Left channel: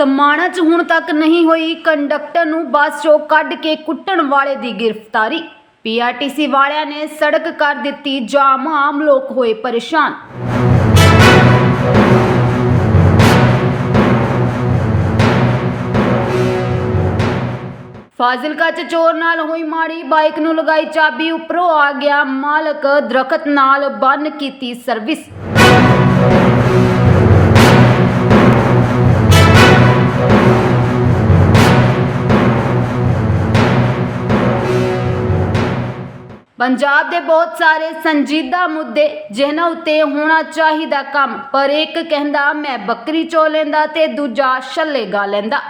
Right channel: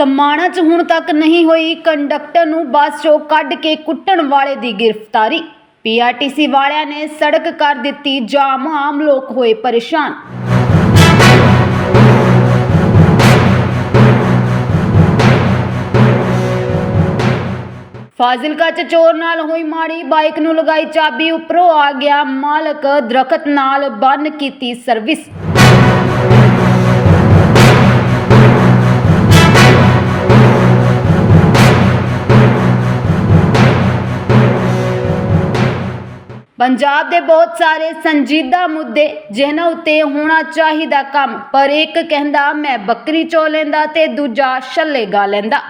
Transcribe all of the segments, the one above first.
ਸਮਾਣਾ 'ਚ ਹੁਣ ਤੱਕ ਨਹੀਂ ਹੋਈ। ਕੰਡਕਟਰ ਨੂੰ ਬੱਸ 'ਚੋਂ ਕੱਢ ਕੇ ਕੁੱਟਣ ਵਾਲੇ ਦੀ ਗ੍ਰਿਫਤਾਰੀ। ਪੀਆਰਟੀਸੀ ਵਾਲਿਆਂ ਨੇ ਸੜਕ ਕਰ ਦਿੱਤੀ। ਜਾਮ ਆਮ ਲੋਕ ਹੋਏ ਪਰੇਸ਼ਾਨ। ਫਾਜ਼ਿਲਕਾ ਚ ਚੋਰ ਨਾਲ ਹੋਈ ਮਾੜੀ ਬਾਈਕ ਨੂੰ ਲਗਾਈ ਚਾਬੀ ਉੱਪਰੋਂ ਆ ਗਿਆ ਮਾਲਕ। ਦਰਖਤ ਨਾਲ ਬੰਨ ਕੀਤੀ ਸਰਵਿਸ। ਪੰਜਾਬ ਦੇ ਬਹੁਤ ਸਾਰੇ ਸੰਜੀਦਾ ਮੁੱਦੇ ਜਿਨ੍ਹਾਂ ਉੱਤੇ ਹੋਣਾ ਚਾਹੀਦਾ ਕੰਮ, ਪਰ ਇੱਕ ਕਹਿੰਦਾ, ਮੈਂ ਬੱਕਰੀ ਚੋ ਲੈਂਦਾ ਤੇ ਦੂਜਾ ਛੱਲੇ ਗਾ ਲੈਂਦਾ।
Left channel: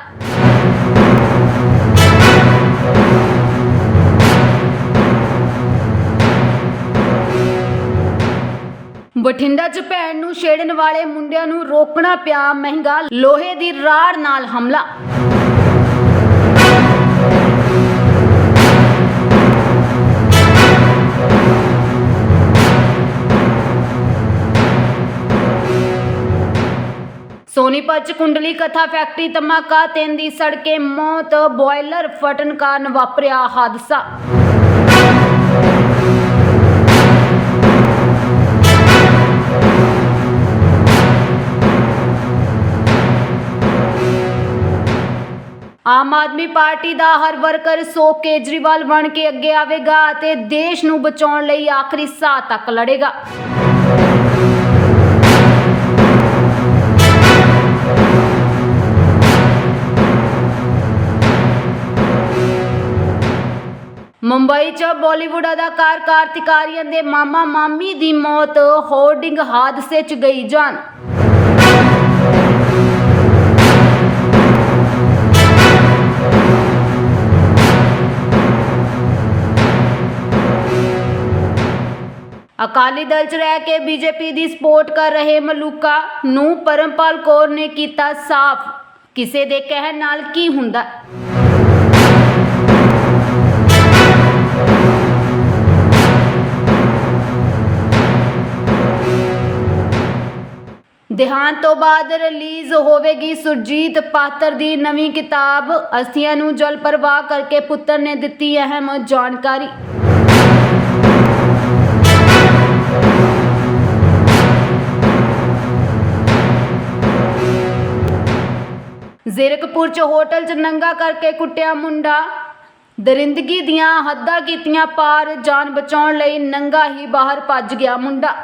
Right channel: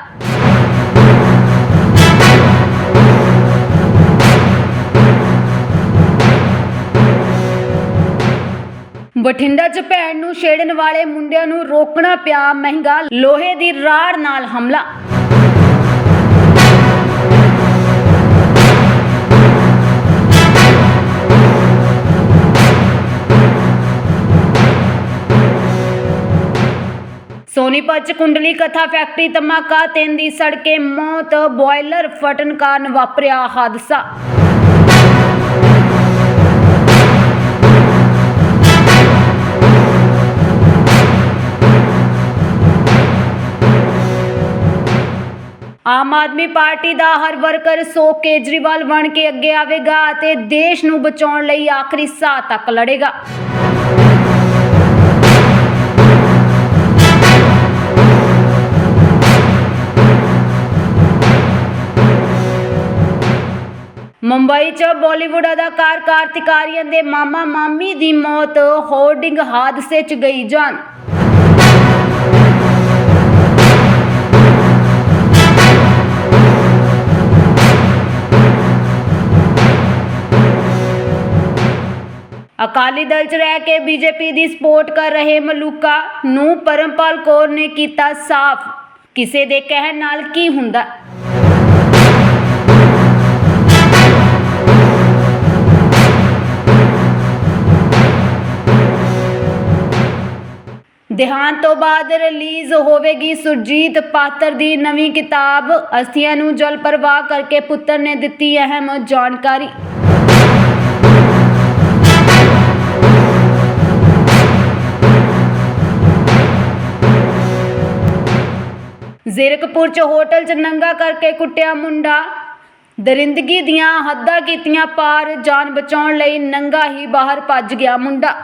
ਬਠਿੰਡਾ 'ਚ ਭੈਣ ਨੂੰ ਛੇੜਨ ਵਾਲੇ ਮੁੰਡਿਆਂ ਨੂੰ ਰੋਕਣਾ ਪਿਆ ਮਹਿੰਗਾ ਲੋਹੇ ਦੀ ਰਾੜ ਨਾਲ ਹਮਲਾ। ਸੋਨੀਪਤ 'ਚ ਕੁੰਡਲੀ ਕਥਾ ਫੈਕਟਰੀ ਧਮਾਕਾ, ਤਿੰਨ ਦੀ ਸੜਕੇ ਮੌਤ, ਬੋਇਲਰ ਫਟਣ ਕਾਰਨ ਵਾਪਰਿਆ ਹਾਦਸਾ। ਆਮ ਆਦਮੀ ਪਾਰਟੀ ਦਾ ਹਰ ਵਰਕਰ ਸੋ ਕੇਜਰੀਵਾਲ ਬਣ ਕੇ ਅੱਗੇ ਆਵੇਗਾ ਅਤੇ ਦੇਸ਼ ਨੂੰ ਬਚਾਉਣ ਲਈ ਆਖਰੀ ਸਾਹ ਤੱਕ ਲੜੇਗਾ। ਮੁੰਬਈ 'ਚ ਬਾਲੀਵੁੱਡ ਅਦਾਕਾਰ ਕਾਰਤਿਕ ਆਰੀਅਨ ਦੇ ਮਾਮਾ ਮਾਮੀ ਦੀ ਮੌਤ, ਹੋਰਡਿੰਗ ਹਾਦਸੇ 'ਚ ਗਈ ਜਾਨ। ਅਕਾਲੀ ਦਲ 'ਚ ਰਹਿ ਕੇ ਬੀਜੇਪੀ ਦੀ ਸਪੋਰਟ ਕਰ ਰਹੇ ਮਲੂਕਾ ਨੂੰ ਪਰਮਪਾਲ ਕੌਰ ਨੇ ਕੀਤਾ ਸਾਫ਼। ਕਿਸੇ ਦੇ ਕਹਿਣ ਨਾਲ ਕੀ ਹੁੰਦਾ? ਦੇਹਾਂਤ ਤੋਂ ਬਾਅਦ ਰਿਲੀਜ਼ ਹੋਵੇਗੀ ਸੁਰਜੀਤ ਪਾਤਰ ਦੀ ਨਵੀਂ ਕਿਤਾਬ। ਅਸਥੀਆਂ ਨੂੰ ਜਲ ਪ੍ਰਵਾਹ ਕਰਕੇ ਪੁੱਤਰ ਨੇ ਦਿੱਤੀ ਅਹਿਮ ਜਾਣਕਾਰੀ। ਜ਼ੀਰਕਪੁਰ ਚ ਹੋਟਲ ਚ ਨੰਗਾ ਕਰਕੇ ਕੁੱਟਿਆ ਮੁੰਡਾ। ਦਰਿੰਦਗੀ ਦੀਆਂ ਹੱਦਾਂ ਕੀਤੀਆਂ ਪਾਰ ਜਾਨ ਬਚਾਉਣ ਲਈ ਨੰਗਾ ਹੀ ਬਾਹਰ ਭੱਜ ਗਿਆ ਮੁੰਡਾ।